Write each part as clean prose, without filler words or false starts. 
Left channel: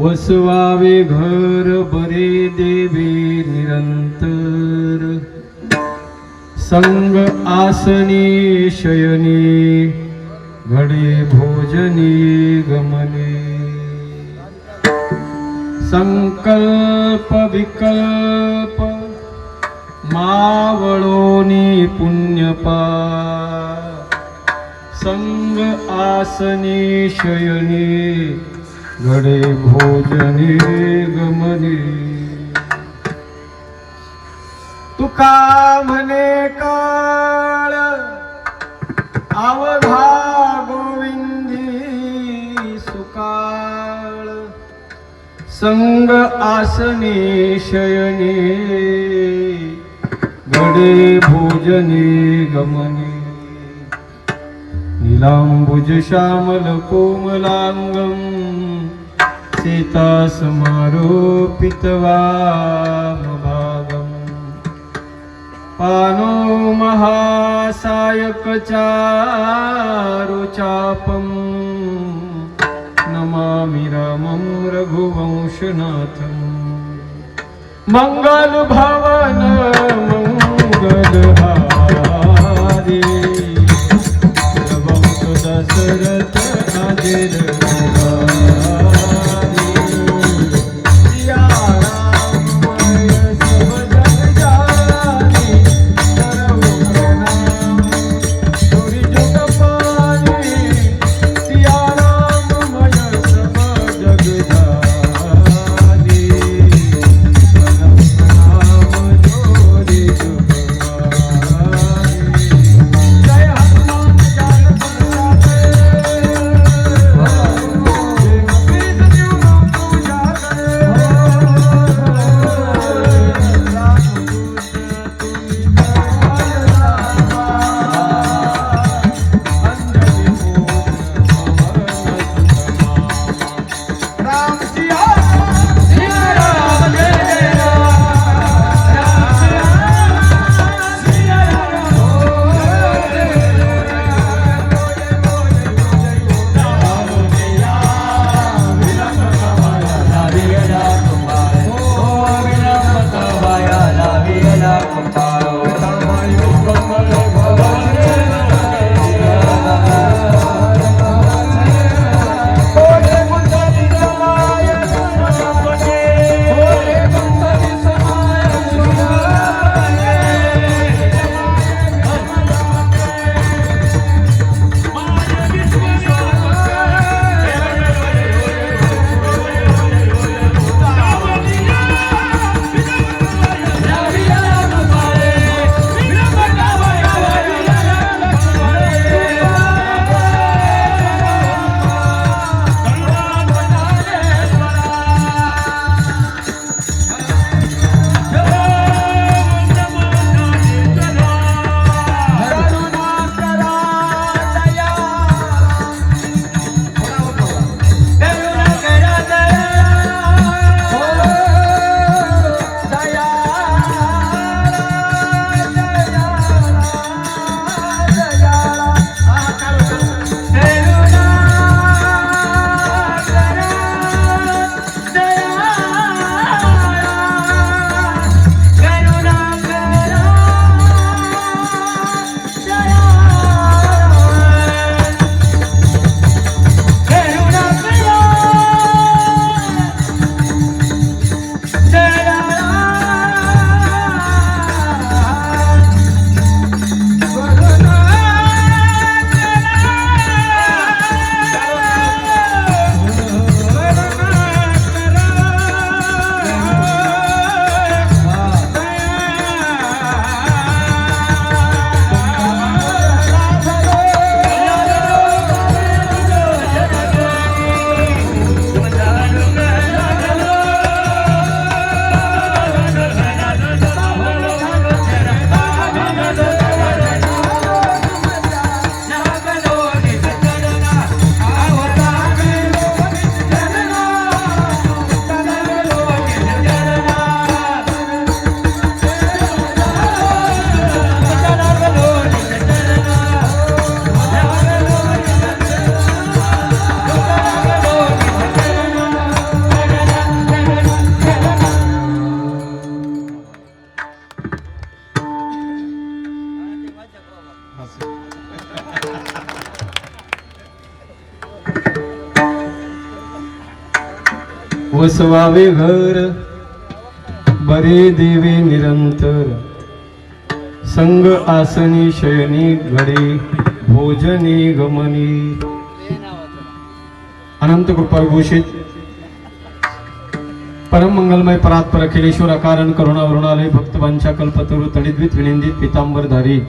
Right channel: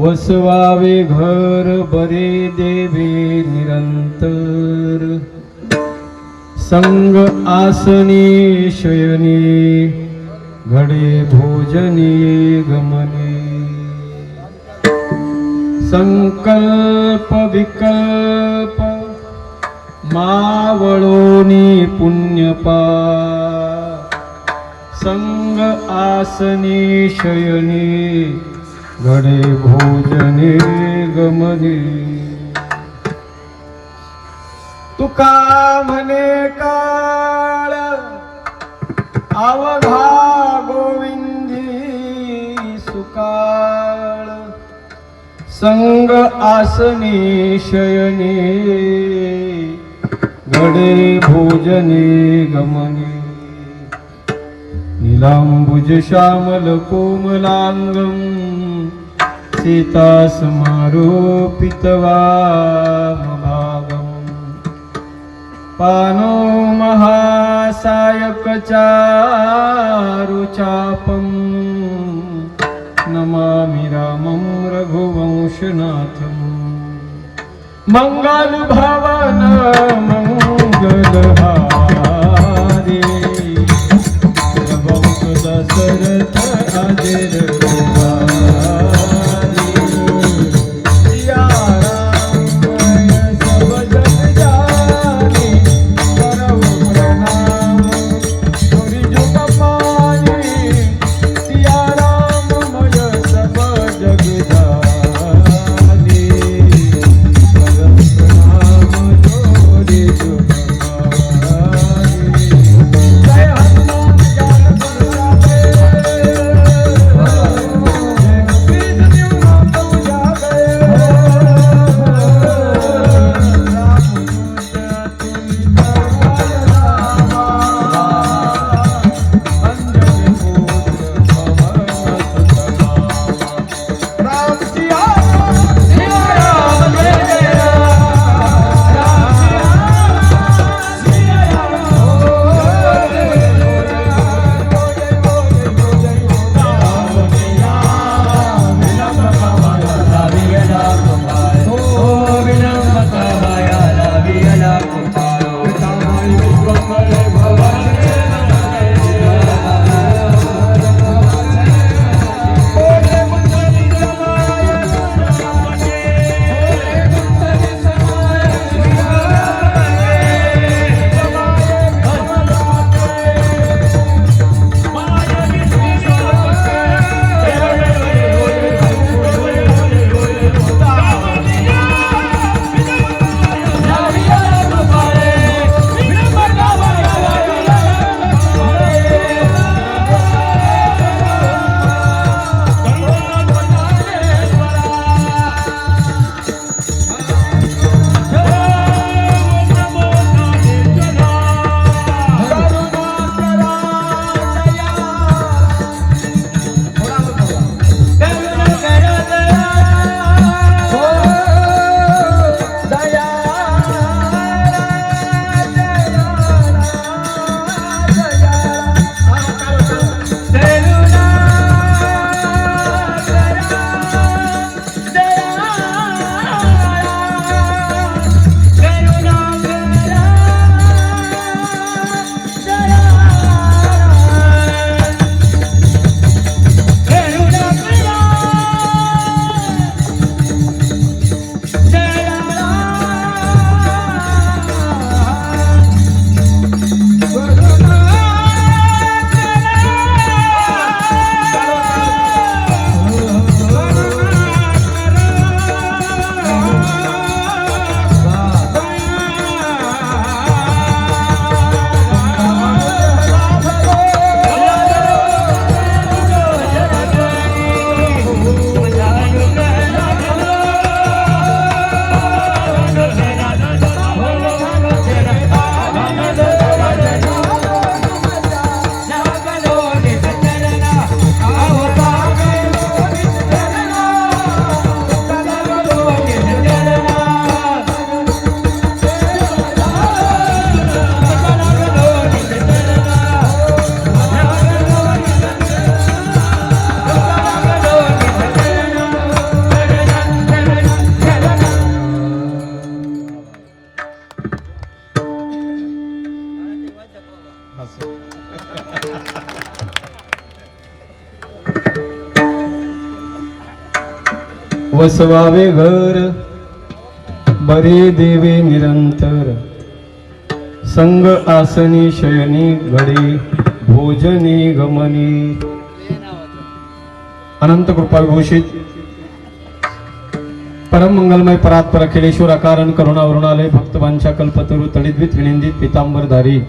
वसवावे घर बरे देवे निरंतर। संग आसनी शयनी घडे भोजनी गमने। संकल्प विकल्प मावळोनी पुण्यपा। संग आसनी शयनी घडे भोजने गमने। तुका म्हणे काळ अवघा गोविंदी सुकाळ। संग आसनी शयनी घडे भोजने गमने। नीलांबुज श्यामल कोमलांगम सीता समारोपितवामभागम्। पानो महासायक चारुचापम्। नमामि रामं रघुवंशनाथम्। मंगल भवन मंगलहारी वंश दशरथ अजिर वसवावे घर बरे देवे निरंतर संग आसनी शयनी घडे भोजनी गमनी. अनंत कृपा विभूषित परम मंगलमय परात्पर अखिलेश्वर अकारण करुणावरुणालय भक्तवांच्या कल्पतरु तडिद्वित विनिंदित पितांबरधारी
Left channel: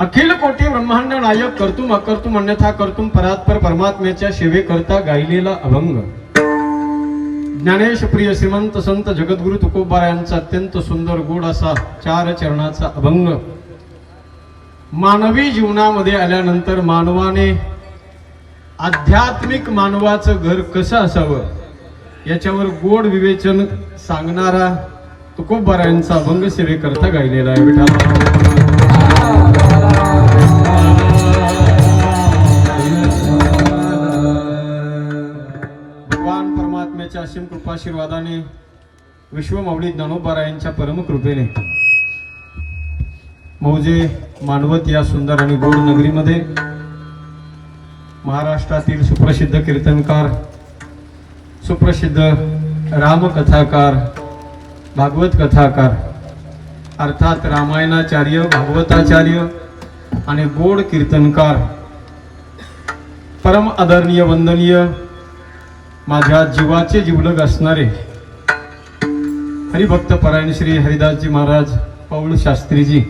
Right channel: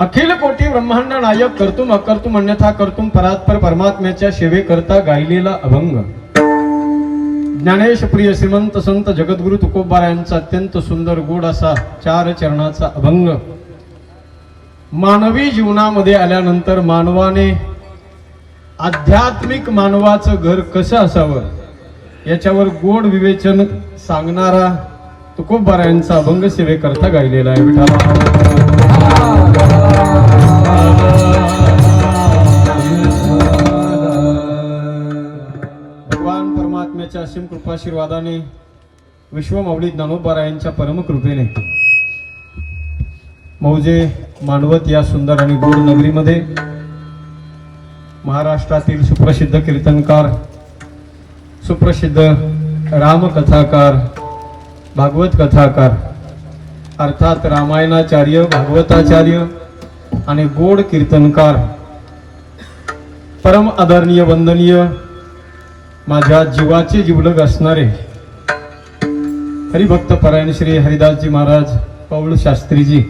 अखिल कोटी ब्रह्मांड नायक कर्तुम अकर्तुम अन्यथा कर्तुम परात्पर परमात्म्याच्या सेवेकरता गायलेला अभंग ज्ञानेश प्रिय श्रीमंत संत जगद्गुरु तुकोबारायांचा अत्यंत सुंदर गोड असा 4 चरणाचा अभंग. मानवी जीवनामध्ये आल्यानंतर मानवाने आध्यात्मिक मानवाचं घर कसं असावं याच्यावर गोड विवेचन सांगणारा तुकोबारायांचा अभंग सेवेकरता गायलेला आहे. भगवान परमात्म्याच्या असीम कृपाशीर्वादाने विश्वमाऊली ज्ञानोबारायांच्या परम कृपेने मौजे मानवत या सुंदर आणि गोड नगरीमध्ये महाराष्ट्रातील सुप्रसिद्ध कीर्तनकार सुप्रसिद्ध रामकथाकार भागवत कथाकार अर्थात रामायणाचार्य भागवताचार्य आणि गोड कीर्तनकार परम आदरणीय वंदनीय माझ्या जीवाचे जीवलग असणारे हरिभक्त परायण श्री हरिदासजी महाराज पौळ शास्त्रीजी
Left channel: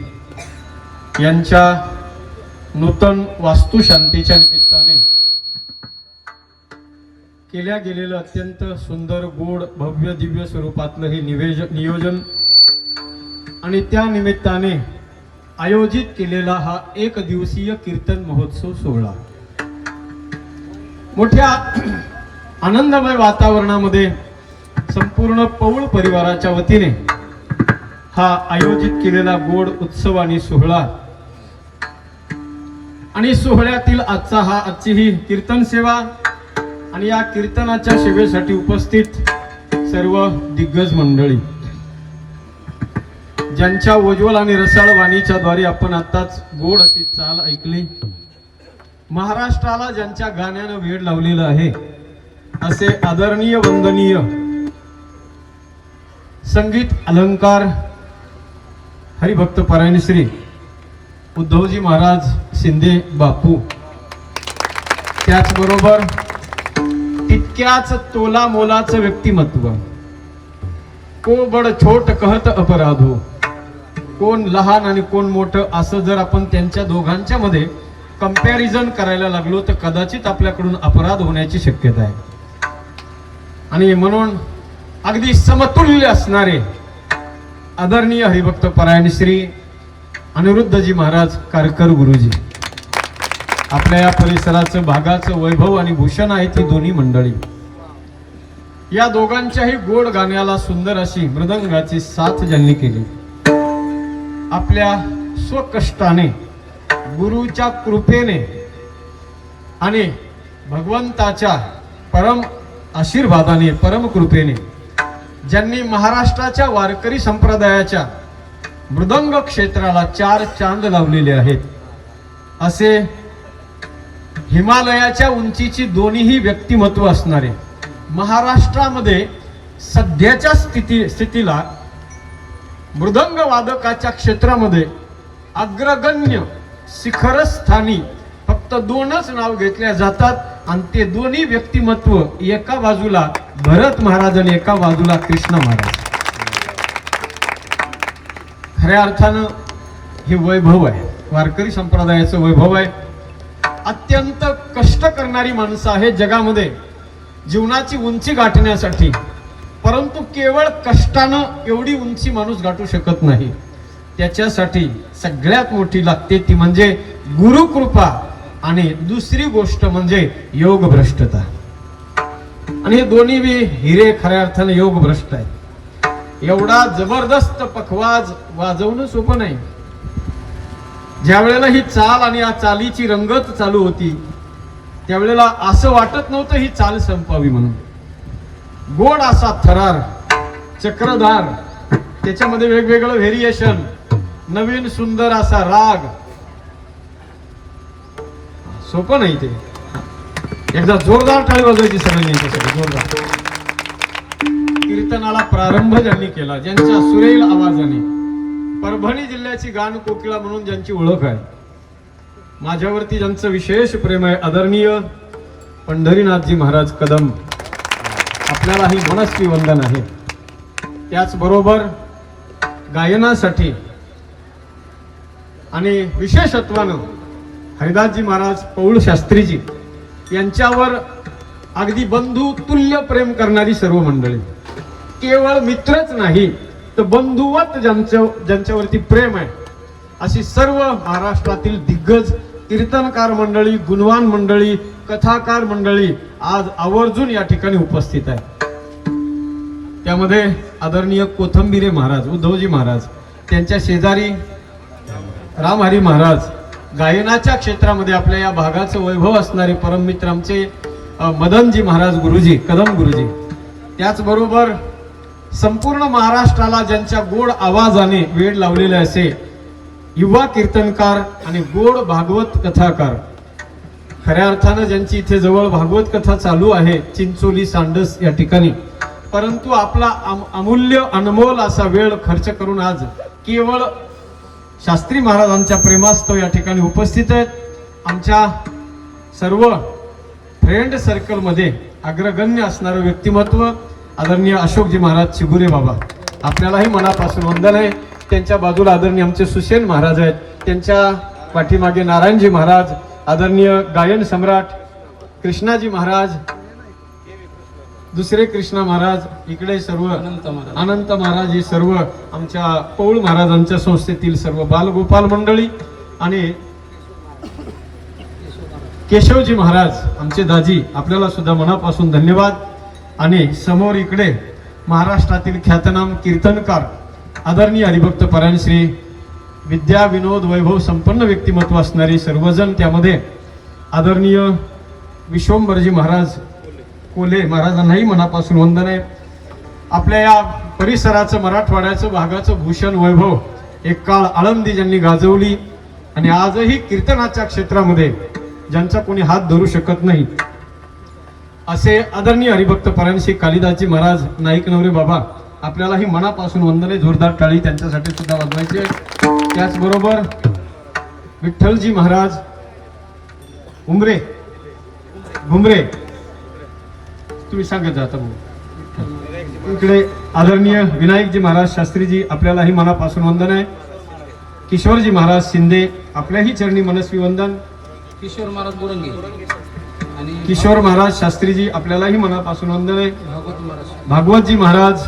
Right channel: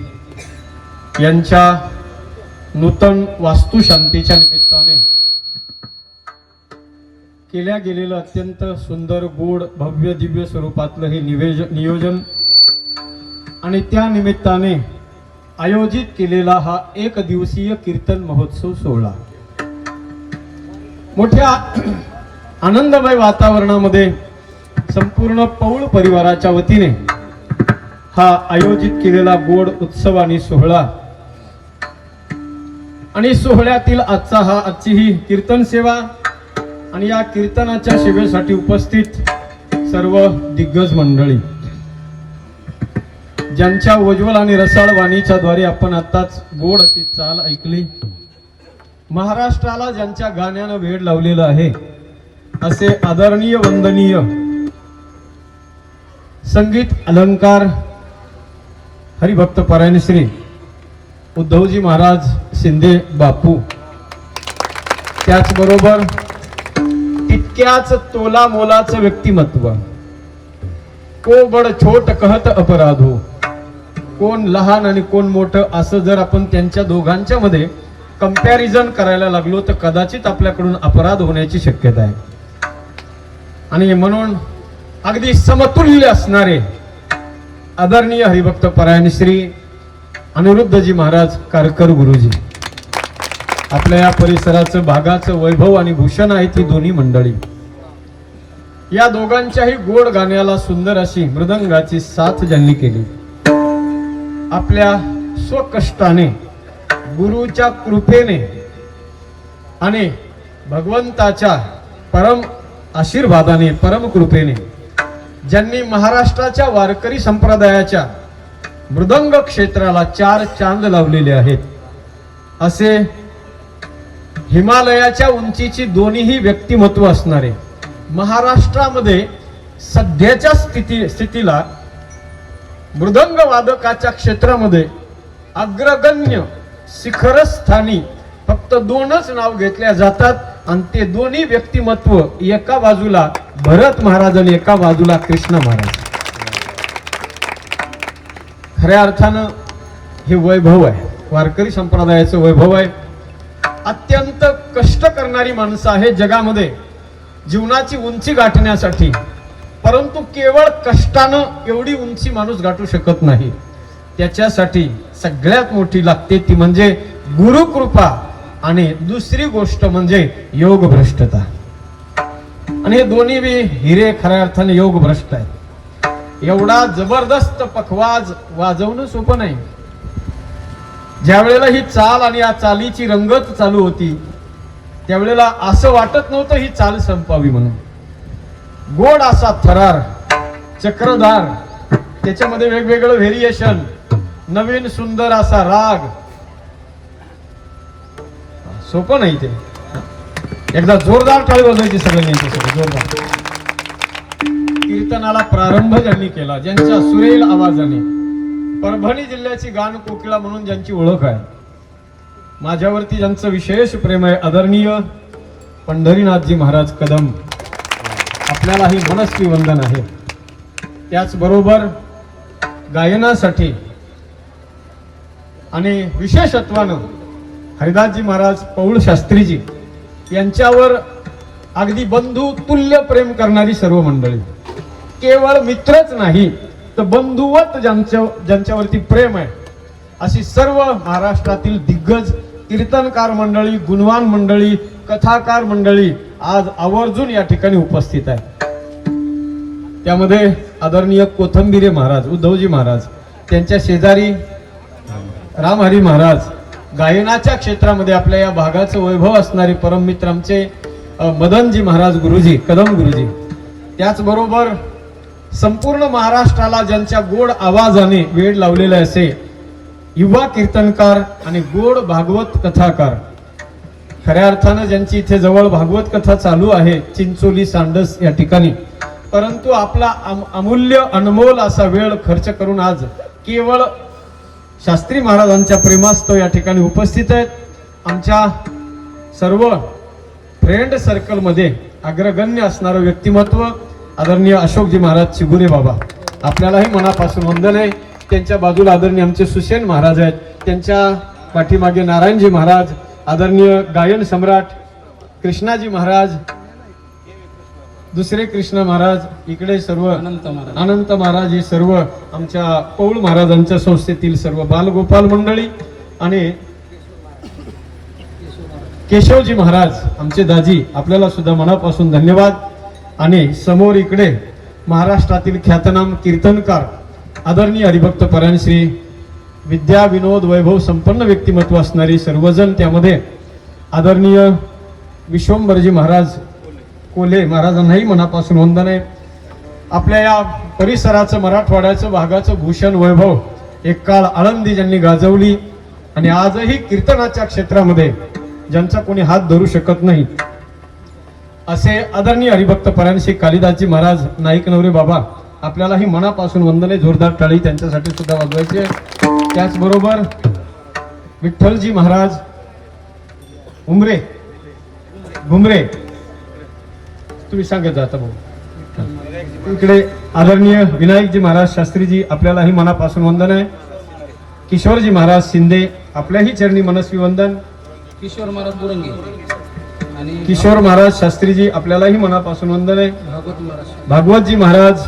यांच्या नूतन वास्तुशांतीच्या निमित्ताने केल्या गेलेलं अत्यंत सुंदर गोड भव्य दिव्य स्वरूपातलं हे नियोजन आणि त्या निमित्ताने आयोजित केलेला हा 1 दिवसीय कीर्तन महोत्सव सोहळा मोठ्या आनंदमय वातावरणामध्ये संपूर्ण पौळ परिवाराच्या वतीने हा आयोजित केलेला गोड उत्सव आणि सोहळा आणि सोहळ्यातील आजची ही कीर्तन सेवा आणि या कीर्तनाच्या सेवेसाठी उपस्थित सर्व दिग्गज मंडळी ज्यांच्या उज्ज्वल आणि रसाळ वाणीच्या द्वारे आपण आताच गोड अशी चाल ऐकली. महाराष्ट्राला ज्यांच्या गाण्यानं वेड लावलेलं आहे असे आदरणीय वंदनीय संगीत अलंकार हरिभक्त परायण श्री उद्धवजी महाराज शिंदे बापू त्याचबरोबर तितक्याच तोला मोलाचं व्यक्तिमत्व को बड छोट कहत अपराधो कोण लहान आणि कोण मोठं असं जर आपण त्यांच्या दोघांच्या मध्ये कंपॅरिझन करायला लागलो तर कदाचित आपल्याकडून अपराध होण्याची शक्यता आहे. आणि म्हणून अगदी समतुल्य असणारे आदरणीय हरिभक्त परायण श्री अनिरुद्धजी महाराज कारकर गुरुजी आपल्या या परिसराचं भागाचं वैभव आणि भूषण आहे ती दोन्ही मंडळी या दोघांच्याही गोड गाण्याला सुंदर अशी मृदंगाची साथ ज्यांनी केली आपल्या स्वकष्टाने गुरुच्या कृपेने आणि भगवंताच्या परम आशीर्वादाने परम कृपेने ज्यांनी महाराष्ट्राच्या वारकरी संप्रदायाच्या मृदंग क्षेत्राला 4 चांद लावलेले आहेत असे हिमालयाच्या उंचीची दोन्हीही व्यक्तिमत्व असणारे महाराष्ट्रामध्ये सध्याच्या स्थितीला मृदंग वादकाच्या क्षेत्रामध्ये अग्रगण्य शिखरस्थानी फक्त 2च नाव घेतल्या जातात आणि ते दोन्ही व्यक्तिमत्व एका बाजूला भरत महाराज आणि एका बाजूला कृष्ण महाराज. खऱ्या अर्थानं हे वैभव आहे वारकरी संप्रदायाचं वैभव आहे. अत्यंत कष्ट करणारी माणसं आहे जगामध्ये जीवनाची उंची गाठण्यासाठी परंतु केवळ कष्टानं एवढी उंची माणूस गाठू शकत नाही. त्याच्यासाठी सगळ्यात मोठी लागते ती म्हणजे गुरुकृपा आणि दुसरी गोष्ट म्हणजे योग भ्रष्टता. आणि हे दोन्ही बी हिरे खऱ्या अर्थाने योग भ्रष्ट आहे. एवढा जबरदस्त पखवाज वाजवणं सोपं नाही. ज्या वेळेला ही चाल आणि या चालीची रंगत चालू होती त्यावेळेला असं वाटत नव्हतं ही चाल संपावी म्हणून. गोड असा थरार चक्रधार त्याच्यामध्ये वेगवेगळं व्हेरिएशन नवीन सुंदर असा राग सोपं नाही ते. एकदा जोरदार टाळी वाजवायची सगळ्यांनी जोरदार. कीर्तनाला प्रारंभ ज्यांनी केला, ज्यांच्या सुरेल आवाजाने, परभणी जिल्ह्याची गान कोकिळा म्हणून ज्यांची ओळख आहे, माझ्यावरती ज्यांचं विशेष प्रेम आहे, आदरणीय पंढरीनाथजी महाराज कदम, आपल्यालाही मनस्वी वंदन आहे. त्याचबरोबर गायनासाठी आणि विशेषत्वानं हरिदासजी महाराज पौळ शास्त्रीजी यांच्यावर अगदी बंधू तुल्य प्रेम करणारी सर्व मंडळी, केवळ मित्रच नाही तर बंधुवत ज्यांच्यावरती प्रेम आहे, अशी सर्व महाराष्ट्रातील दिग्गज कीर्तनकार मंडळी, गुणवान मंडळी, कथाकार मंडळी आज आवर्जून या ठिकाणी उपस्थित आहे. त्यामध्ये आदरणीय कोथंबिरे महाराज, उद्धवजी महाराज, त्यांच्या शेजारी रामहरी महाराज, गायनाच्या क्षेत्रामध्ये आपल्या या भागाचं वैभव असणारे परम मित्र आमचे मदनजी महाराज गुरुजी, कदम गुरुजी. त्याचबरोबर संपूर्ण महाराष्ट्राला ज्यांच्या गोड आवाजाने वेड लावलेले असे युवा कीर्तनकार आणि गोड भागवत कथाकार, खऱ्या अर्थानं ज्यांची इथे जवळ भागवत कथा चालू आहे, चिंचोली सांडस या ठिकाणी, परंतु आपला अमूल्य अनमोल असा वेळ खर्च करून आज केवळ शास्त्री महाराजांच्या प्रेमास्तव या ठिकाणी उपस्थित आहेत. आमच्या सर्व फ्रेंड सर्कल मध्ये अग्रगण्य असणारं व्यक्तिमत्व आदरणीय अशोकजी महाराज चिगुरे बाबा, आपल्यालाही मनापासून वंदन आहे. त्यांच्या बाजूला आदरणीय आमचे सुसेन महाराज आहेत, त्यांच्या पाठीमागे नारायणजी महाराज, आदरणीय गायन सम्राट कृष्णाजी महाराज, दुसरे कृष्णा महाराज, इकडे सर्व अनंत महाराज, हे सर्व आमच्या पौळ महाराजांच्या संस्थेतील सर्व बालगोपाल मंडळी आणि केशवजी महाराज आमचे दाजी, आपल्याला सुद्धा मनापासून धन्यवाद. आणि समोर इकडे महाराष्ट्रातील ख्यातनाम कीर्तनकार आदरणीय हरिभक्त परायण श्री विद्या विनोद वैभव संपन्न व्यक्तिमत्व असणारे सर्वजण, त्यामध्ये आदरणीय विश्वंभरजी महाराज कोले महाराजांनाही मनापासून वंदन आहे. आपल्या या परिसराचं, मराठवाड्याचं, भागाचं भूषण वैभव एक काळ आळंदी ज्यांनी गाजवली आणि आजही कीर्तनाच्या क्षेत्रामध्ये ज्यांचा कोणी हात धरू शकत नाही असे आदरणीय हरिभक्त परायण श्री कालिदासजी महाराज नाईक नवरे बाबा, आपल्यालाही मनापासून वंदन आहे. जोरदार टाळी त्यांच्यासाठी सुद्धा वाजवायचे. त्याचबरोबर विठ्ठलजी महाराज घुमरे, तुम्ही सांगत जाता भाऊ. इकडे आदरणीय विनायकजी महाराज शास्त्रीजी, आपल्यालाही मनापासून वंदन आहे. किशोरजी महाराज शिंदे, आपल्याही चरणी मनस्वी वंदन. किशोर महाराज दुरंगी आणि किशोर महाराज शास्त्रीजी, आपल्यालाही मनापासून वंदन आहे. भागवतजी महाराज,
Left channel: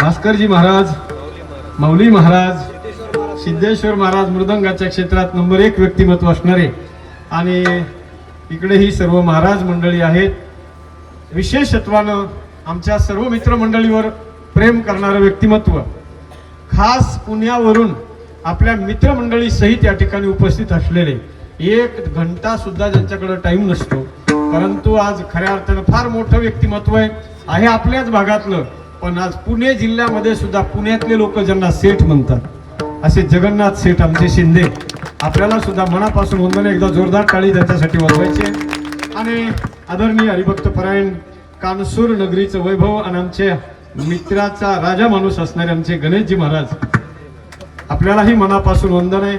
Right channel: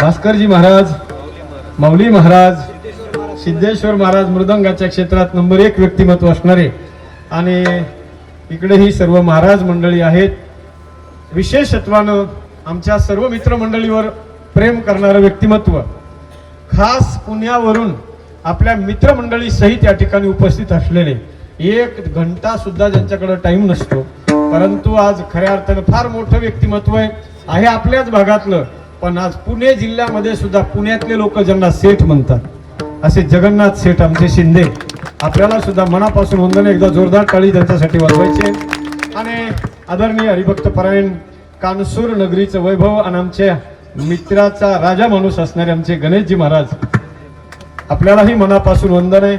भास्करजी महाराज, माऊली महाराज, सिद्धेश्वर महाराज, मृदंगाच्या क्षेत्रात नंबर 1 व्यक्तिमत्व असणारे, आणि इकडे ही सर्व महाराज मंडळी आहेत. विशेषत्वानं आमच्या सर्व मित्रमंडळीवर प्रेम करणारं व्यक्तिमत्व, खास पुण्यावरून आपल्या मित्रमंडळी सहित या ठिकाणी उपस्थित असलेले, 1 घंटा सुद्धा ज्यांच्याकडे टाइम नसतो, परंतु आज खऱ्या अर्थानं फार मोठं व्यक्तिमत्व आहे आपल्याच भागातलं, पण आज पुणे जिल्ह्यामध्ये सुद्धा पुण्यातले लोक ज्यांना सेठ म्हणतात असे जगन्नाथ सेठ आमचे शिंदे, आपल्याला सुद्धा मनापासून वंदन. एकदा जोरदार टाळी त्यांच्यासाठी वाजवायचे. आणि आदरणीय हरिभक्त परायण कानसूर नगरीचं वैभव आणि आमच्या मित्राचा राजा माणूस असणारे आमचे गणेशजी महाराज, आपल्यालाही मनापासून वंदन आहे.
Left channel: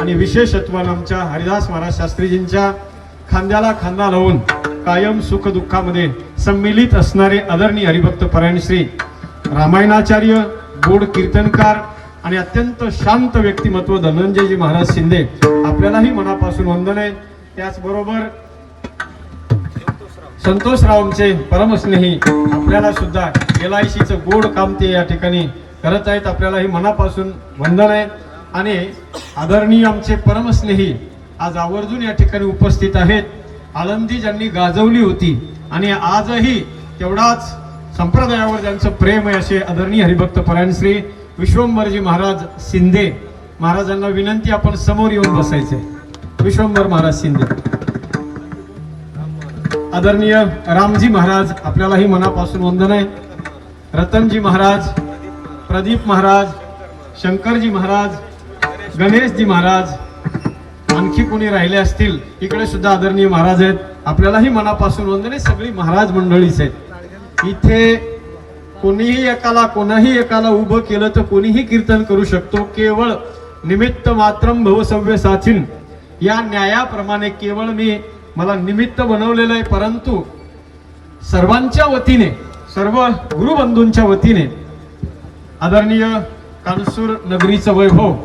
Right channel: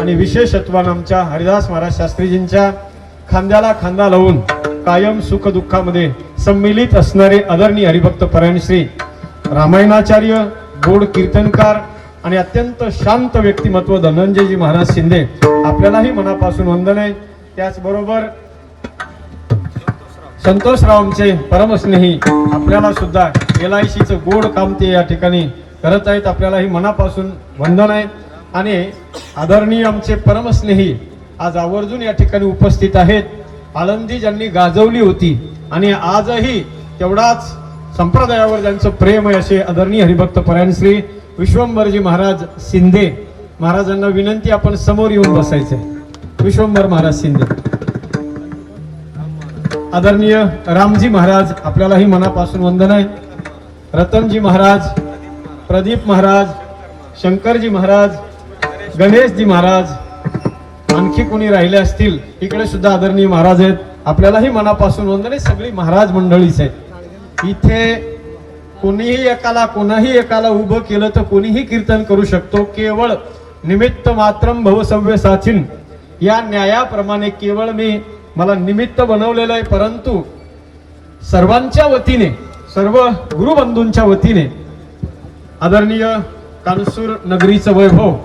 आणि विशेषत्वानं आमच्या हरिदास महाराज शास्त्रीजींच्या खांद्याला खांदा लावून कायम सुख दुःखामध्ये सम्मिलित असणारे आदरणीय हरिभक्त परायण श्री रामायणाचार्य, गोड कीर्तनकार आणि अत्यंत शांत व्यक्तिमत्व धनंजयजी महाराज शिंदे, आपल्यालाही मनापासून वंदन आहे. त्याचबरोबर संतोषराव आमचे परमस्नेही, आपल्याला सुद्धा LICचं गोड काम ते या ठिकाणी करत आहेत, आपल्यालाही मनापासून वंदन आहे. आणि आदरणीय आमचे परमस्नेही आज आवर्जून या ठिकाणी उपस्थित आहेत. आळंदी ज्यांनी गाजवली होती आणि आजही तेवढाच संप्रदायावर ज्यांचं प्रेम आहे असे आदरणीय हरिभक्त परायण श्री विश्वंभरजी महाराज शिंदे महाराजांना विनंती, आपण समोर येऊन बसायचंय. विश्वंभर महाराज शिंदे, आदरणीय रामजी महाराज, आपल्यालाही मनापासून वंदन आहे. रतनजी महाराज, प्रदीप महाराज, शंकरजी महाराज, गणेशजी महाराज, आणखी कोणी राहिले असतील इकडे सुद्धा आदरणीय महाराज आहेत, आपल्यालाही मनापासून वंदन आहे. सगळी महाराज मंडळीच आहेत. इथे कोणीही एकाला उभं केलं तर कोणीही कीर्तन करू शकतो. केवळ निमित्त मात्रम भवसव्य साचिन या न्यायाप्रमाणे केवळ मला निमित्त बनवलेलं आहे. परंतु सर्वांच्या वतीने, सर्व गुरुबंधूंच्या वतीने आदरणीय कानसूर नगरीचं वैभव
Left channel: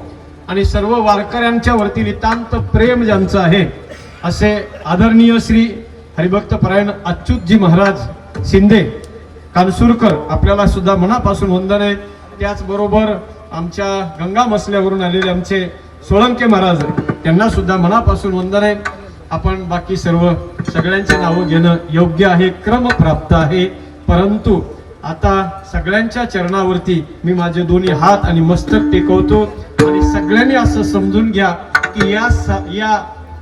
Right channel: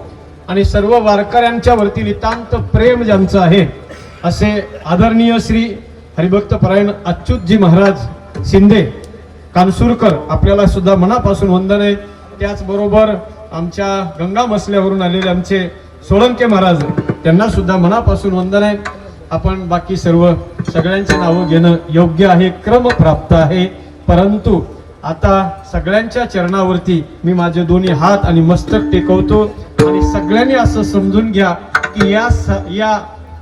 आणि सर्व वारकऱ्यांच्या वरती नितांत प्रेम ज्यांचं आहे असे आदरणीय श्री हरिभक्त परायण अच्युतजी महाराज शिंदे कानसूरकर आपल्याला सुद्धा मनापासून वंदन आहे. त्याचबरोबर आमच्या गंगा मसल्यावरून आलेले आमचे सोळंके महाराज त्यांना सुद्धा मनापासून वंदन आहे. आपण बाकी सगळ्यांची नावं घेणं योग्य आहे, क्रम प्राप्त आहे. परंतु आता सगळ्यांच्या चरणावरती मी माझे दोन्ही हात आणि मस्तक टेकवतो आणि सगळ्यांनी असं समजून घ्या की या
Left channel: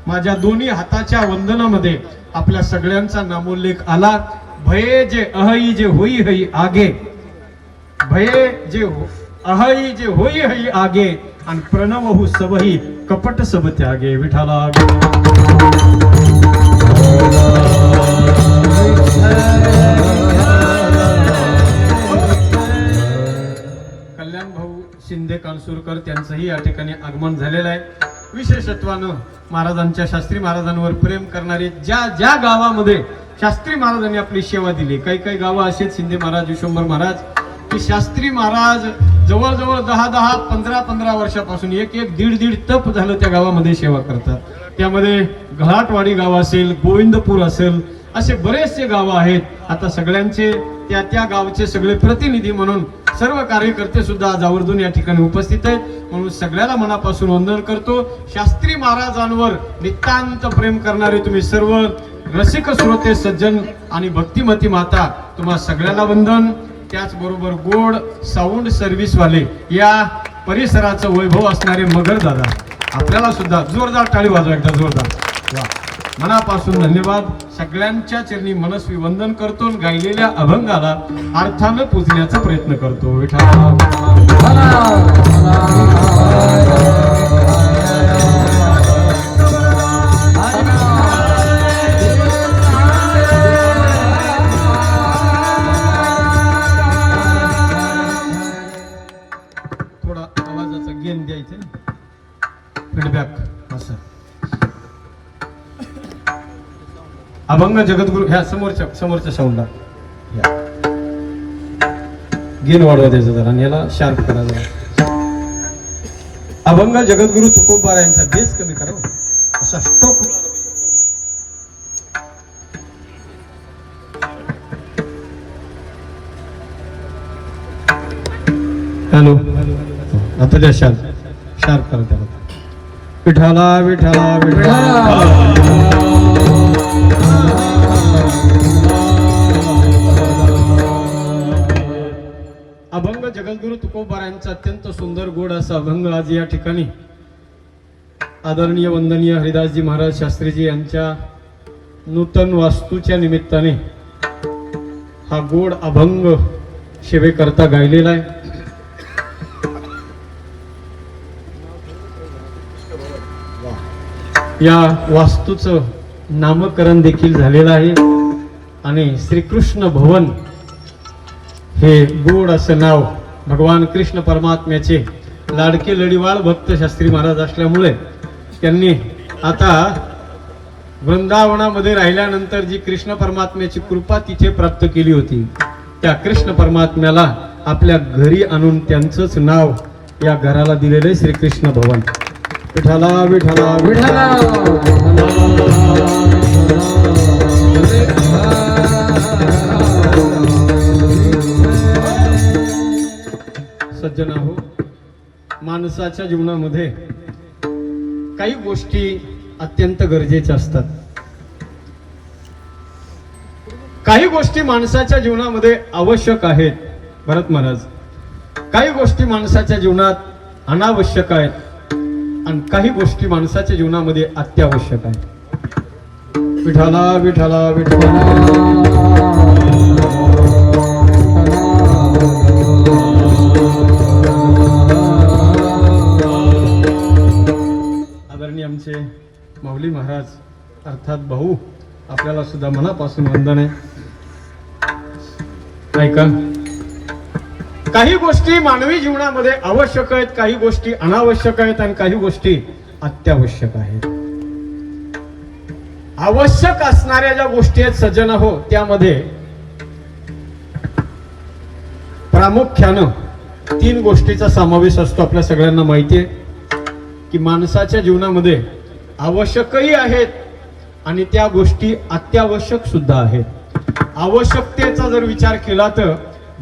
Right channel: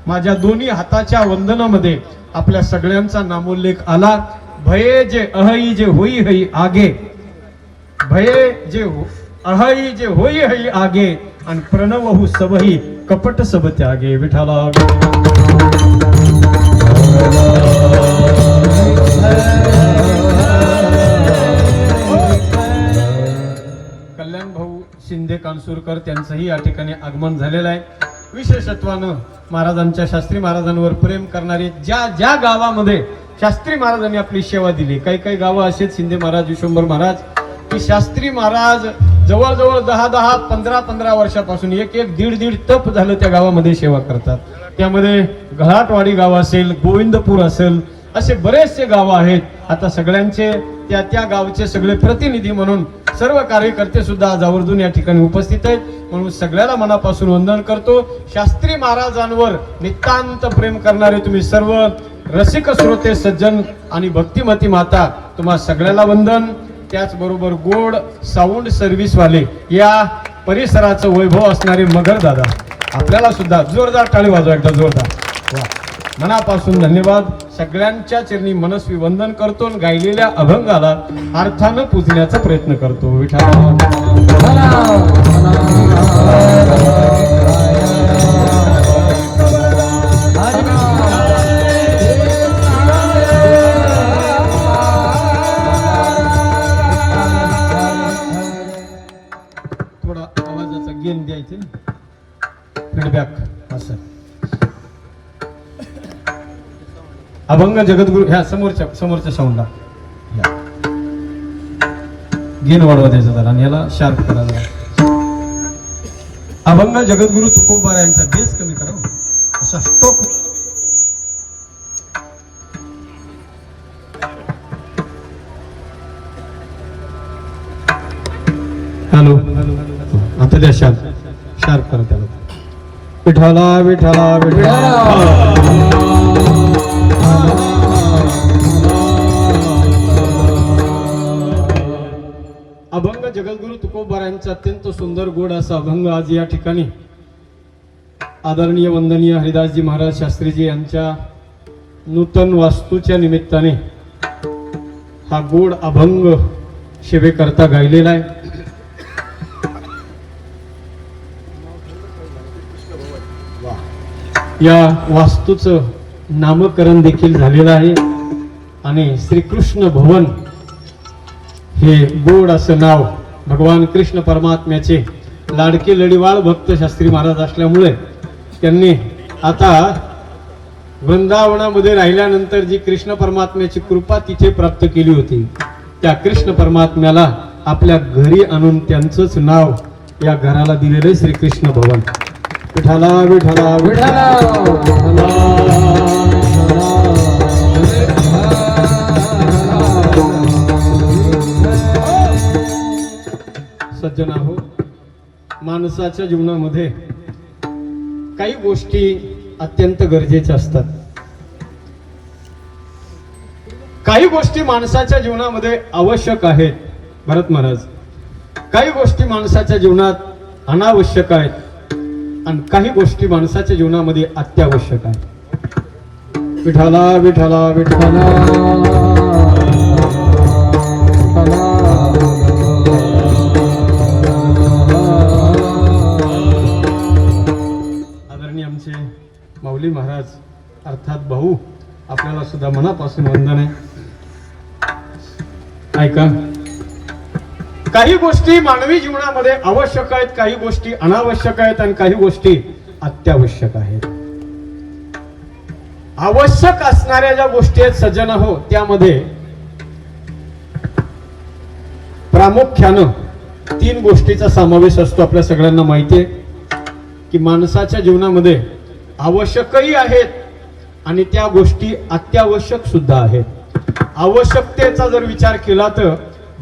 माझ्या दोन्ही हाताच्या वंदनामध्ये आपल्या सगळ्यांचा नामोल्लेख आला. भये जे अहई जे होई हई आगे, भये जे अहई जे होई हई आगे आणि प्रणवहु सबही कपट सब त्यागे. विठाला कल्याण भाऊ शिंदे कानसूरकर त्यांचंही या ठिकाणी आगमन झालेलं आहे. विशेषत्वानं महाराजांच्या शास्त्री महाराजांवर प्रेम करणारे ज्या गावामध्ये शास्त्री महाराजांनी आपली सेवा दिली, काही गावं असेच शिंदे महाराज, विश्वंभर महाराज, की शास्त्री महाराज जवळजवळ 10 15 वर्षापासून एक दीड तप झालं त्या गावामध्ये सेवा करतात. त्यामध्ये घाटवाडी गाव असेल, गोविंदपूर असेल, असे बरेचसे गाव आहेत. आता सगळ्यांचे त्या गावचे सगळे प्रतिनिधी म्हणून सर्व कार्यकर्ते सुद्धा आज आवर्जून या ठिकाणी उपस्थित आहेत. म्हणून सगळ्याला मनापासून वंदन करतो. शास्त्री महाराजांवर नितांत प्रेम करणारे तुम्ही सर्व रसिक श्रोते सज्जन आणि भक्तिमती माता, तुम्हा सगळ्याला वंदन. त्याचबरोबर गोड साऊंड सर्व्हिस वाले या परिसराचं वैभव असणारे मगर दादा, आपल्याला सुद्धा जोरदार टाळी वाजवा एकदा जोरदार. वा, मनापासून धन्यवाद. सगळ्यांच्या चरणी मनस्वी वंदन करतो आणि गायलेल्या अभंगाला अर्थानं पुजण्याचा प्रयत्न करतो. विठ्ठल थोडा आवाजाचा गेन द्यायचे, फीडबॅक असं. अभंग जगद्गुरु ह्या समोरच्या साऊंडला गेन वाढवा द्यायचा जरा आणि याला शार्प करा जरा. अभंग जगद्गुरु तुकोबा यांचा बेस कमी करा, असा स्टोक. हॅलो, आता द्या शार्प करा त्याला. विठाला विठाला विठाला. अभंग जगद्गुरु तुकोबा यांचा अत्यंत सुंदर गोड असा अभंग आज या ठिकाणी आदरणीय वंदनीय हरिदासजी महाराज शास्त्रीजी यांच्या नूतन वास्तूच्या निमित्ताने हा गोड अभंग सेवेकरता गायलेला आहे. या वास्तूचं नामकरण देखील झालेलं आहे आणि श्रीकृष्ण भवन हे गोड असं नाव भगवान कृष्ण परमात्म्याचे लाडके लढीवाळ भक्त शास्त्री महाराज असल्यामुळे त्यांनी आता वृंदावनामध्ये राहिल्यानंतर जी कृष्ण परमात्म्याची कृपा तिथे प्राप्त केली होती, त्या कृष्ण परमात्म्याला आपल्या घरी आणून त्यांचंच नाव या घराला दिलेले श्रीकृष्ण भवन. विठाला विठाला विठाला. सज्जन हो, माणसाच्या जीवनामध्ये काही गोष्टी अत्यंत गरजेच्या असतात. काही गोष्टी माणसाच्या जीवनामध्ये आवश्यक आहेत भरत महाराज, काही गोष्टी माणसाच्या जीवनात अनावश्यक आहेत आणि काही गोष्टी माणसाच्या जीवनामध्ये अत्यावश्यक आहेत. विठाला विठाला विठाला. आमचे माऊली महाराज अर्थात भाऊ, आपल्याला सुद्धा मनापासून वंदन आहे. ऐका, काही गोष्टी मानवी जीवनामध्ये आवश्यक आहेत, काही गोष्टी अनावश्यक आहेत आणि काही गोष्टी अत्यावश्यक आहेत. आवश्यक असणाऱ्या ज्या गोष्टी आहेत सज्जन हो, त्यामध्ये प्रामुख्यानं 3 गोष्टीचा समावेश असतो. आपल्या सगळ्यांना माहिती आहे की माणसाच्या जीवनामध्ये आवश्यकही आहेत आणि त्या गोष्टी अत्यावश्यक सुद्धा आहेत. आवश्यकतेचा जर विचार केला तर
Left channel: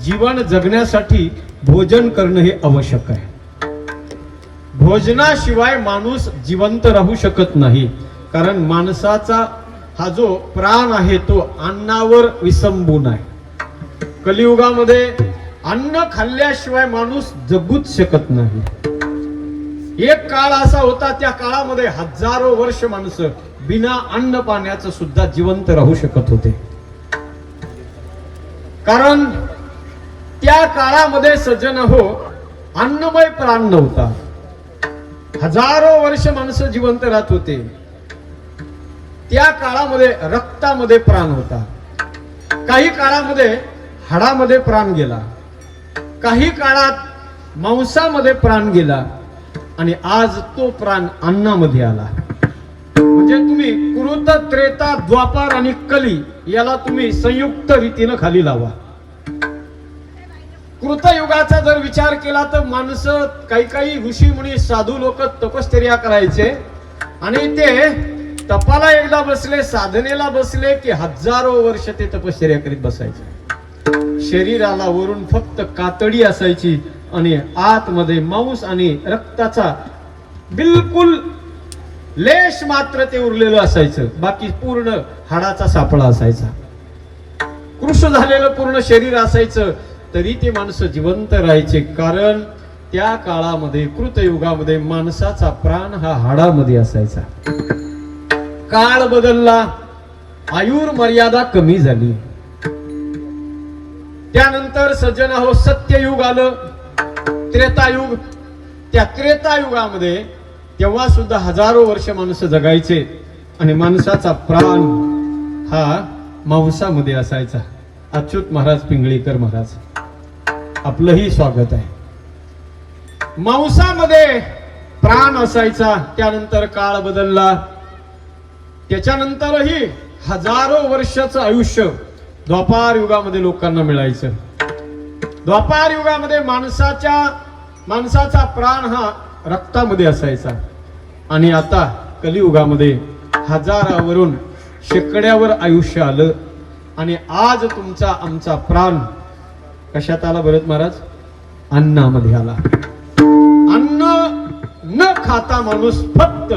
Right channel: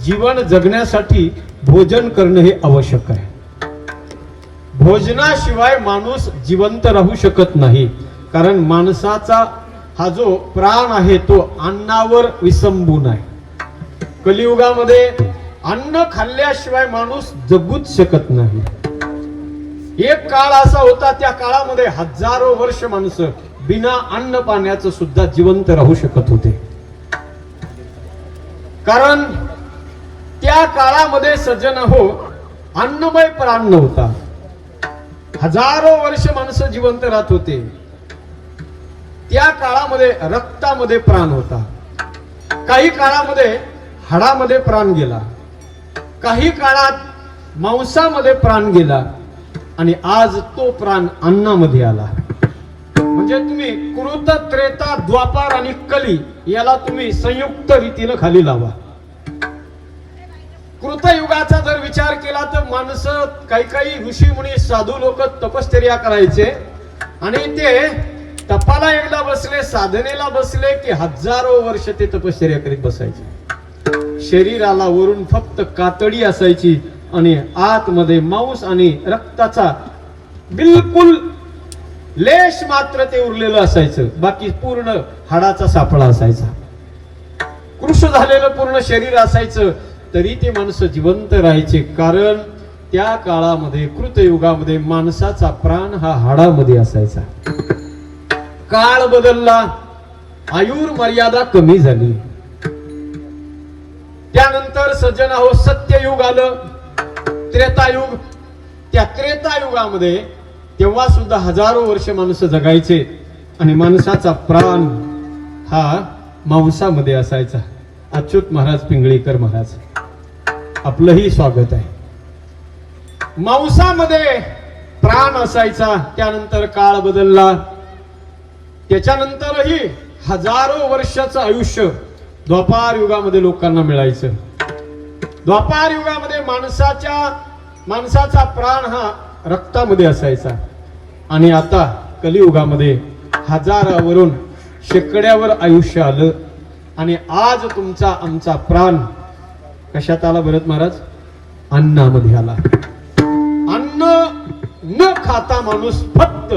जीवन जगण्यासाठी भोजन करणं हे आवश्यक आहे. भोजनाशिवाय माणूस जिवंत राहू शकत नाही, कारण माणसाचा हा जो प्राण आहे तो अन्नावर विसंबून आहे. कलियुगामध्ये अन्न खाल्ल्याशिवाय माणूस जगूच शकत नाही. एक काळ असा होता, त्या काळामध्ये हजारो वर्ष माणसं बिना अन्न पाण्याचं सुद्धा जिवंत राहू शकत होते. कारण त्या काळामध्ये सज्जन हो, अन्नमय प्राण नव्हता. हजारो वर्ष माणसं जिवंत राहत होते. त्या काळामध्ये रक्तामध्ये प्राण होता. काही काळामध्ये हाडामध्ये प्राण गेला, काही काळात मांसामध्ये प्राण गेला आणि आज तो प्राण अन्नामध्ये आला. म्हणजे तुम्ही कृत, त्रेता, द्वापार आणि कली याला तुम्ही संयुक्त रीतीनं खाली लावा. कृतयुगाचा जर विचार केला तर माणसं काही ऋषी मुनी साधू लोक तपश्चर्या करायचे आणि ते तपाला एकदा बसले, साधनेला बसले की हजारो वर्ष ते तपश्चर्या करीत बसायचे. शरीराला वरून फक्त कातडी असायची आणि आतमध्ये मांस आणि रक्ताचा बिलकुल लेश मात्र ते उरलेलं असायचं. बाकी पूर्ण हाडाचा सापळा असायचा. कृश झालेलं पूर्ण शरीर असायचं, तरी ते माणसं जिवंत राहायचे. कारण त्या काळामध्ये कृतयुगामध्ये माणसाचा प्राण हा हाडामध्ये असायचा. काळ बदलला, आयुर मर्यादा कमी झाली. त्यानंतर सज्जन हो, सत्ययुग आलं, त्रेतायुग. त्या त्रेतायुगामध्ये तेव्हा सुद्धा हजारो वर्ष माणसं जगायचे आणि माणसाचा प्राण हा मांसामध्ये असायचा. अच्युत महाराज पिंगळीकर महाराज, आपलंही स्वागत आहे. मांसामध्ये प्राण असायचा. त्यानंतर काळ बदलला. त्याच्यानंतरही हजारो वर्षाचं आयुष्य द्वापार युगामध्ये लोकांना मिळायचं. द्वापार युगामध्ये माणसाचा प्राण हा रक्तामध्ये असायचा आणि आता कलियुगामध्ये हजारावरून शेकड्यावर आयुष्य आलं आणि आज तुमचा आमचा प्राण कशात आला भरत महाराज? अन्नामध्ये आला. अन्न न खाता माणूस फक्त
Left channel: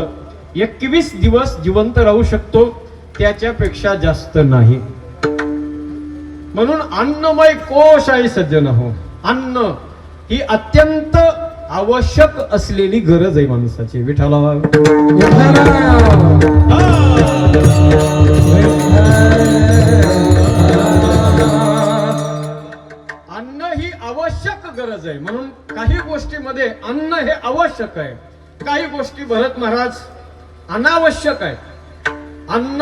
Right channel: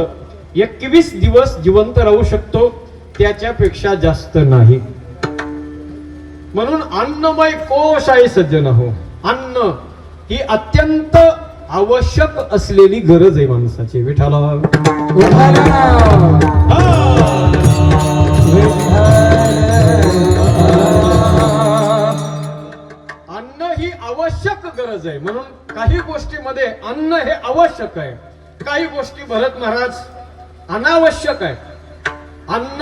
21 दिवस जिवंत राहू शकतो, त्याच्यापेक्षा जास्त नाही. म्हणून अन्नमय कोश आहे सज्जन हो. अन्न ही अत्यंत आवश्यक असलेली गरज आहे माणसाची. विठाला अन्न ही आवश्यक गरज आहे. म्हणून काही गोष्टीमध्ये अन्न हे आवश्यक आहे, काही गोष्टी भरत महाराज अनावश्यक आहे. अन्न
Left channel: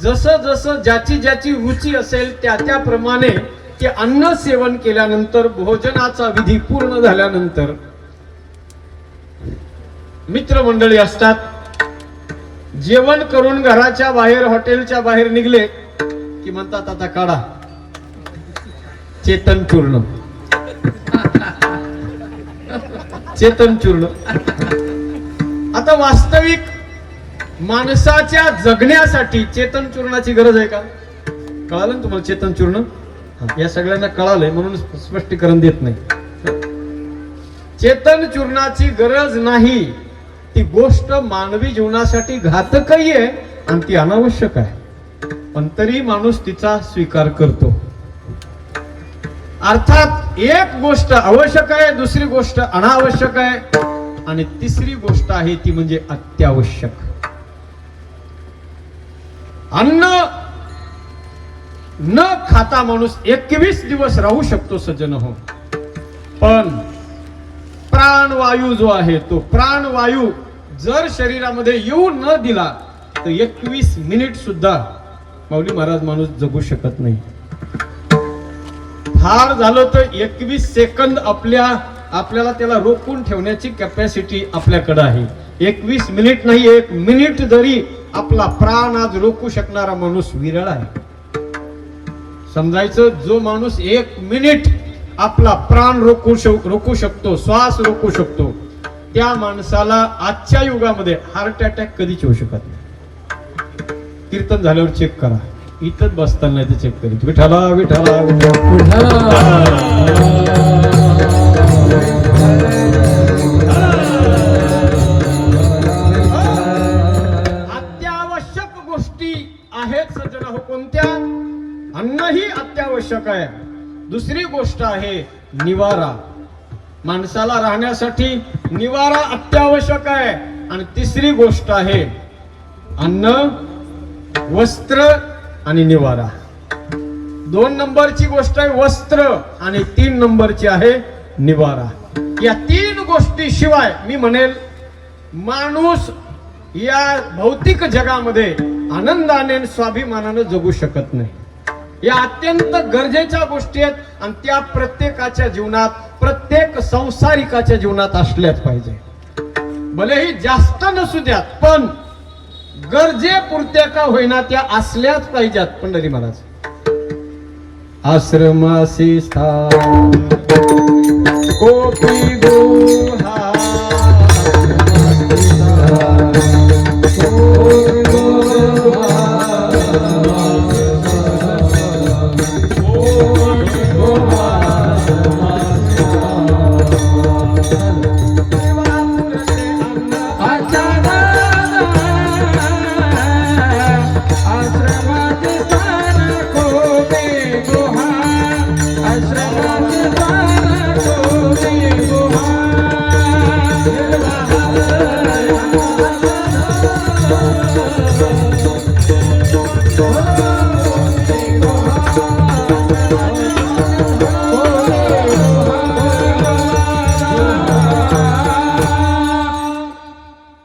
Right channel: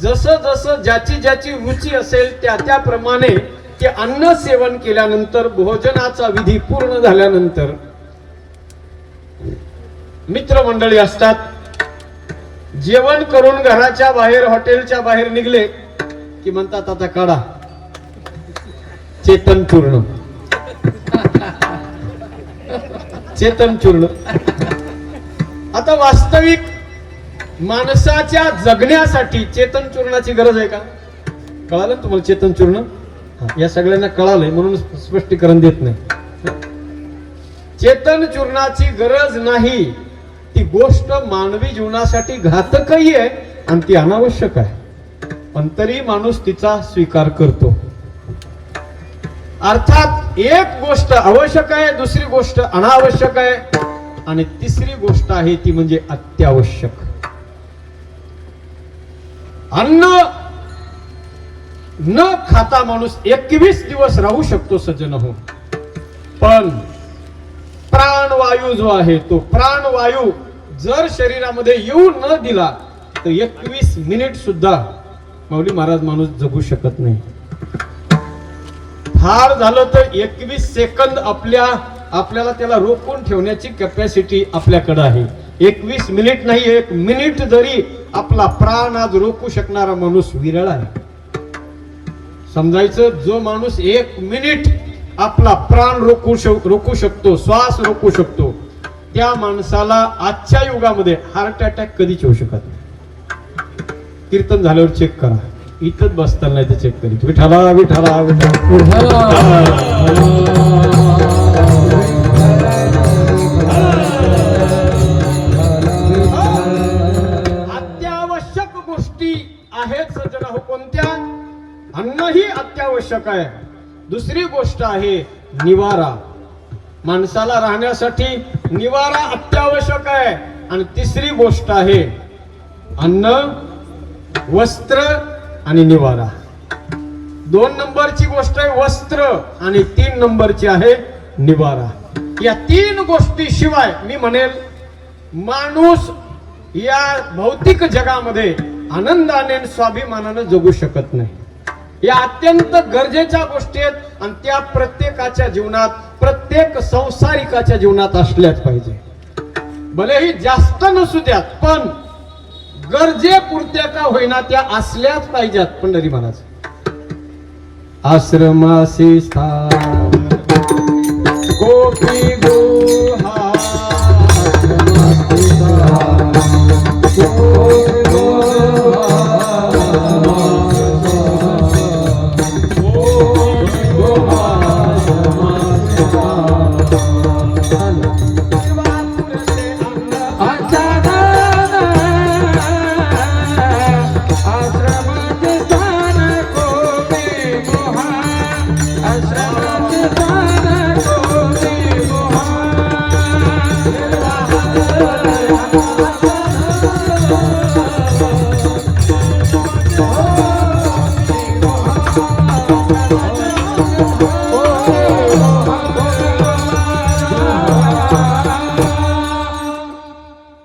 जसं जसं ज्याची रुची असेल त्याप्रमाणे ते अन्न सेवन केल्यानंतर, भोजनाचा विधी पूर्ण झाल्यानंतर मित्रमंडळी असतात. जेवण करून घराच्या बाहेर, हॉटेलच्या बाहेर निघले की म्हणतात आता काढा चेतन चूर्ण. चेतन चूर्ण. आता वास्तविक माणसाच्या जगण्यासाठी चेतन चूर्णाची गरज आहे का? कळालं ना तुम्हाला चेतन चूर्ण? या सगळ्यांना कळालंय म्हणून स्पष्टीकरण देत नाही. चेतन चूर्णाची गरज नाही. ती गोष्ट मानवी जीवनासाठी घातकही आहे आणि ती अनावश्यक आहे, पण तरी माणूस तिचा स्वीकार करतो. अर्थात एक गोष्ट आवश्यक आहे, दुसरी गोष्ट अनावश्यक आहे आणि तिसरी गोष्ट आहे ती म्हणजे अत्यावश्यक. अन्न न खाता माणूस 21 दिवस राहू शकतो सज्जन हो, पण प्राणवायू जो आहे तो प्राणवायू जर शरीरामध्ये येऊ न दिला तर 21 मिनिट सुद्धा माऊली महाराज माणूस जगू शकत नाही. फार झालं तर 21 सेकंद आपल्याला त्याला रोखून ठेवण्याची कॅपॅसिटी आपल्याकडे आहे. 21 मिनिट नाही, 1 मिनिट जरी आपला प्राण आज रोखू शकणारा माणूस विरळ आहे. समजायचं, जो माणूस 1 मिनिट आपला प्राण रोखू शकतो, श्वास रोखू शकतो, त्या माणसाला आजच्या युगामध्ये हार्ट अटॅक कधीच होऊ शकत नाही. कीर्तन झाल्यावर चेक करा, इथंच बसताना नाही तर चेक करीत. विठ्ठला विठ्ठला अत्यावश्यक गोष्टी आहेत सज्जन हो. कोणत्या? अन्न ही अत्यावश्यक आहे. दुसरी गोष्ट आहे निवारा. माणसाला राहण्यासाठी निवारा अत्यावश्यक आहे. आणि तिसरी गोष्ट आहे अन्न, वस्त्र आणि निवारा. 2 नंबरची गोष्ट आहे वस्त्र आणि 3 नंबरची आहे निवारा. या 3 गोष्टी शिवाय मी म्हणेल माणूस या भौतिक जगामध्ये आनंदाने स्वाभिमानाने जगू शकत नाही. या अत्यंत गरजेच्या गोष्टी आहेत आणि त्या प्रत्येकाच्या जीवनात, प्रत्येक संसारिकाच्या जीवनात असल्याच पाहिजे. भलेही जास्त नसू द्यात, पण गरजेपुरत्या का होईना त्या असल्याच पाहिजेत. पंढरी महाराज आश्रमासी स्थान गोपी गुहा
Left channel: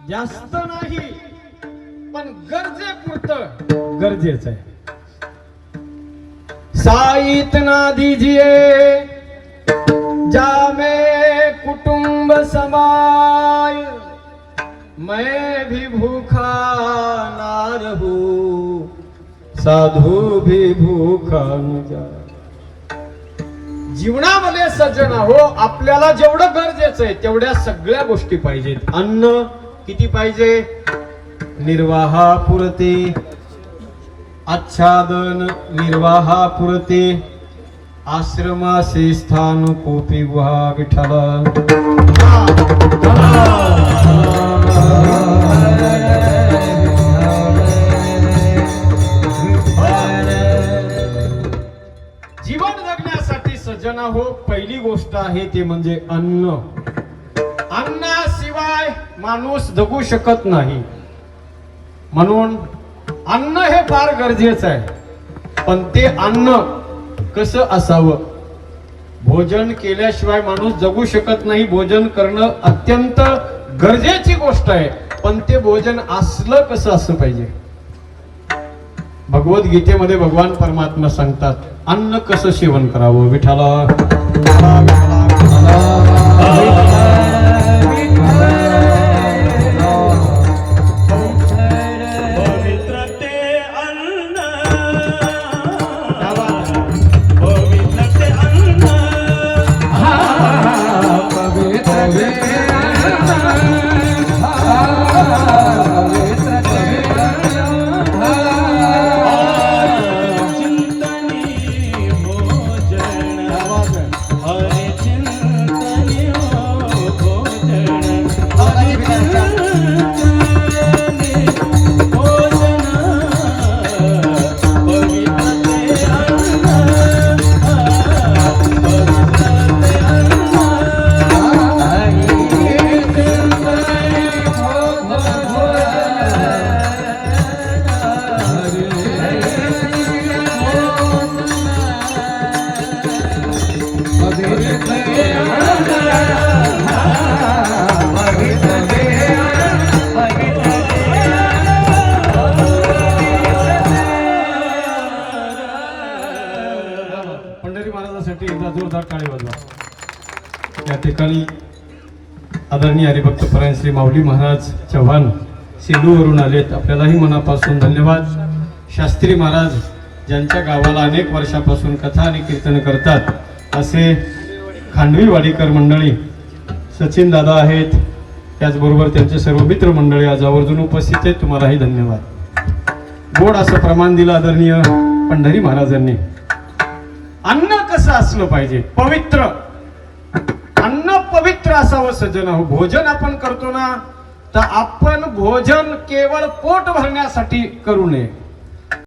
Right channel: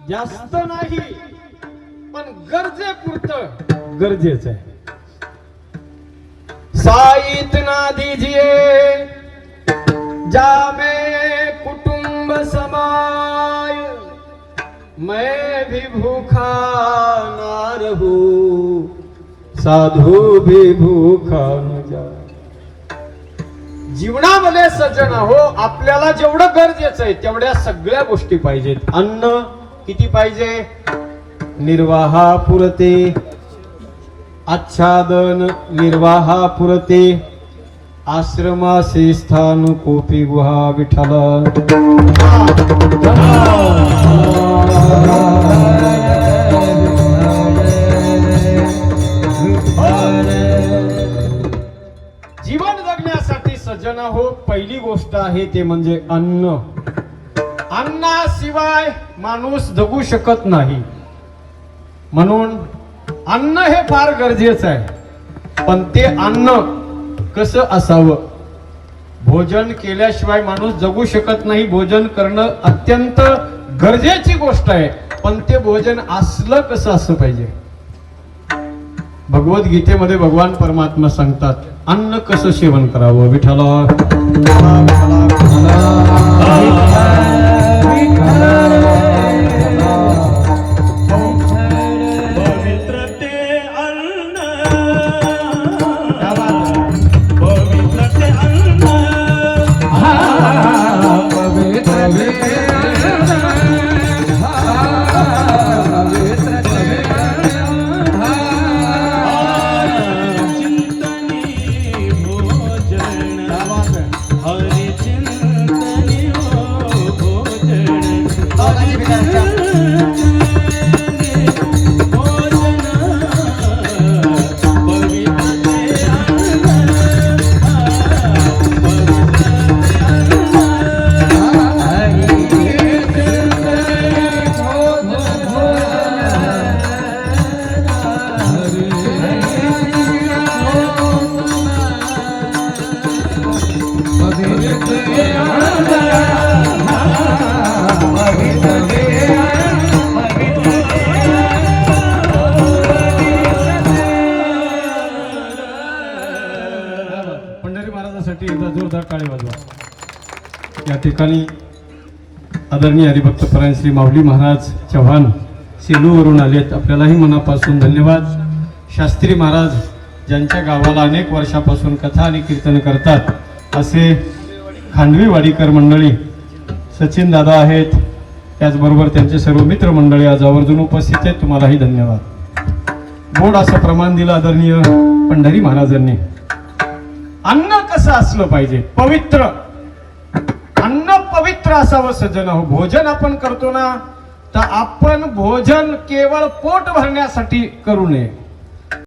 जास्त नाही, पण गरजेपुरतं गरजेचं आहे. साईत ना दीजिए जामे कुटुंब समाय, मैं भी भूखा ना रहूं, साधू भी भूखा न जाए. जीवनामध्ये सज्जन हो, आपल्याला जेवढं गरजेचं आहे तेवढ्या सगळ्या गोष्टी पाहिजेत. अन्न किती पाहिजे? निर्वाहापुरते. आच्छादन निर्वाहापुरते. आश्रमासी स्थान कोपी गुहा विठ्ठला. जीवन जगण्यासाठी सज्जन हो, पहिली गोष्ट आहे ते म्हणजे अन्न. अन्नाशिवाय माणूस जगू शकत नाही. म्हणून अन्न हे फार गरजेचं आहे. पण ते अन्न कसं असावं? भोजन केल्याशिवाय माणूस जगू शकत नाही. भोजन करणं अत्यंत गरजेची गोष्ट आहे. पण ते भोजन असलं कसं असं पाहिजे? भगवद्गीतेमध्ये भगवान परमात्मा सांगतात अन्न कसं सेवन करावं. विठ्ठला चिंतनी भोजन हरे चिंतनी महाराजासाठी एकदा जोरदार टाळी वाजवा. या ठिकाणी आदरणीय हरिभक्त परायण श्री माऊली महाराज चव्हाण सेलूवरून आलेत. आपल्यालाही मनापासून धन्यवाद. शास्त्री महाराज ज्यांच्या गावाला अनेक वर्षापासून कथा आणि कीर्तन करतात असे खांडवी वाडीकर मंडळी, सचिन दादा आहेत, त्याचबरोबर त्यांचे सर्व मित्र मंडळी आज आवर्जून उपस्थित आहेत. तुम्हालाही धन्यवाद. गोड असं प्रमाण दिलं आदरणीय पंढरी महाराजांनी. अन्न कसं असलं पाहिजे? पवित्र अन्न, पवित्र असावं सज्जन हो. भोजन आपण करतो ना, तर आपण भोजन केवळ पोट भरण्यासाठी करू नये.